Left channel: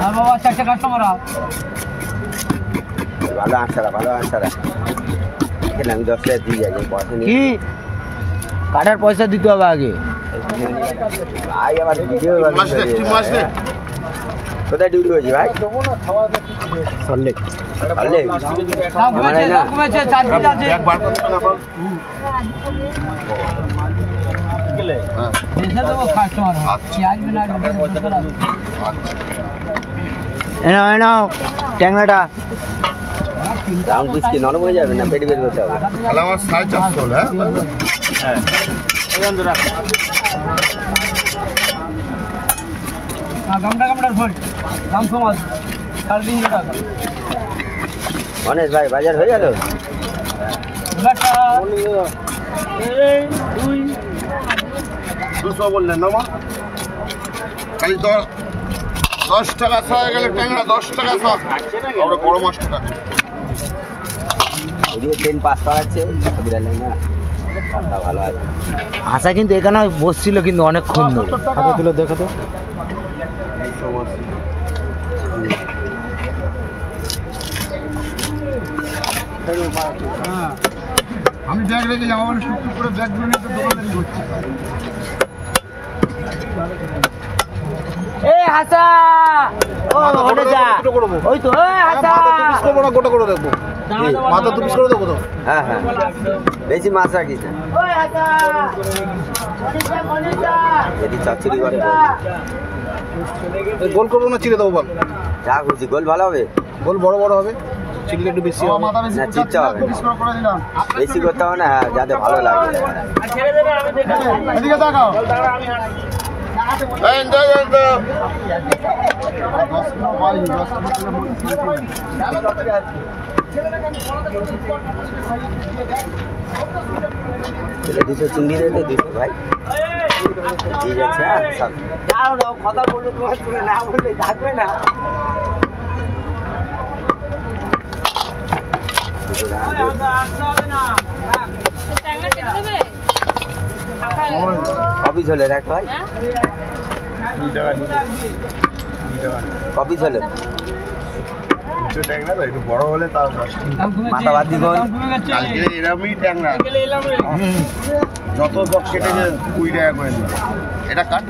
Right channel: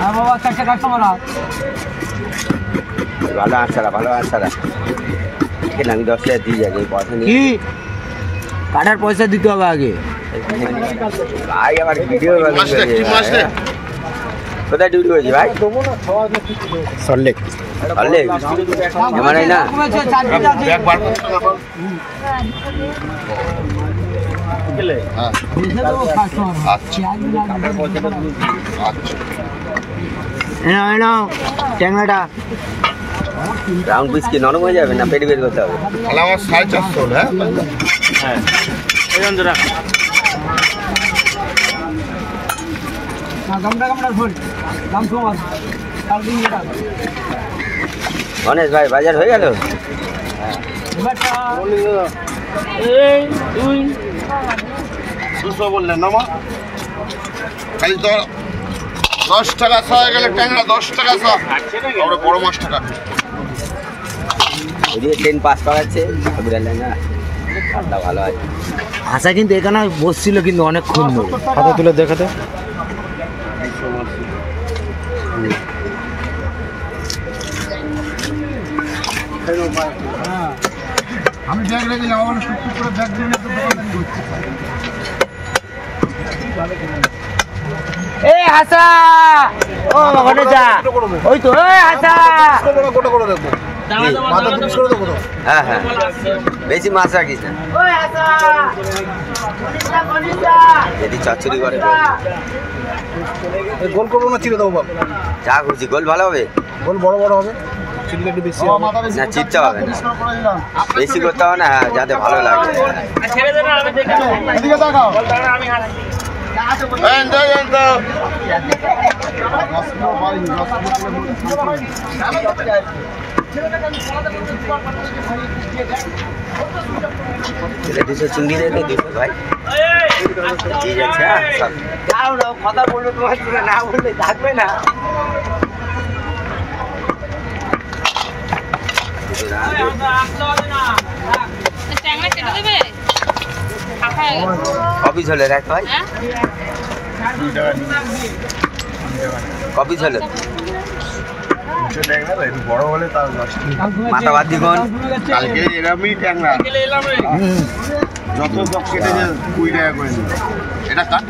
হ্যাঁ বাবা, 4টে কাস্টমার আও। ভালো আনসারা, ভালো আনসারা। এখানে আমি 10 টাকা দিয়ে যাবো, পয়সা নেই। কি কাটার পয়সা দিতে হবে আগে। ভাই আমার ভিডিও কোথায় ডিউটি হয়েছে ভাই? সল্লেক সল্লেক মানে না কমেছে, 4 দিন আছে। হ্যাঁ বুঝে দেবো কাস্টমার। পেঁয়াজ বিনা নাও ট্যাংরাটা। রাউন্ড পিস কি নরম হয়ে যাবে না পেটি বের করতে হবে? তাহলে আমার 450 হলো। হ্যাঁ এই জন্য রাখ। গামটা ভোল দাম কম আছে, 3.5 টাকা। গণেশ ভাই বাজার হয়ে গেল? এবারটা এই তুই 200 বললেন না মা? খালি তো 10 টাকা ছ হয়ে গেলে ট্যাংরা 10 টাকা ছ। আমরা বড় মাছটা কাটবো। ওদিকে ট্রেন পাস করাচ্ছে বিড়ালে না, কাঠটা ভালো আছে। হাসা কিন্তু এখানে বসছিল কিন্তু অনেকক্ষণ ধরে। হাতে তুলে দেখাতে। আমি ব্যাগ রেখে যাবো বলে টুকটুক করে ব্যাগ দিয়ে নিয়ে তো দোকানদারি করছি। এ হাসা ও ওখানে যা। ওই তো এ হাসা গোটা করে দেবো, মাথা টুকস করে দেবো তো। হ্যাঁ হ্যাঁ, বেশি মাছ রাখিস না, ওই হাসা যদি চচ্চড়ি করে বল। গোল করবো না চিড়ে দেবো বল? যা খুশি, গোল ভালো হবে, গোল বড় বড় হবে, চিড়িটা একটু বেশি হবে না চিৎচা হবে না, বেশি করতে হবে না। হ্যাঁ যাতে ভালো লাগে। এদিকে তাকাও। দুশো চিংড়ি দেখে 200 ভাই ঠিক আছে। কথা বললো তোমার শুনে না বললে থাকবে না। কপি ঝোলে রাখ ভাই, কপি ঝোলে বড় হলে তার মাথা বাদ দিবন। কালকে এরমই ট্যাংরা যত সব কেটে 2 টাকা করে নিল। এটা কাট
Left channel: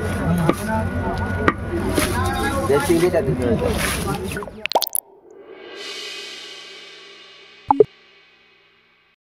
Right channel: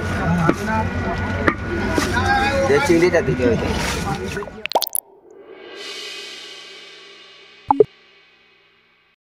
যে চিংড়িটা দিতে হয়েছে।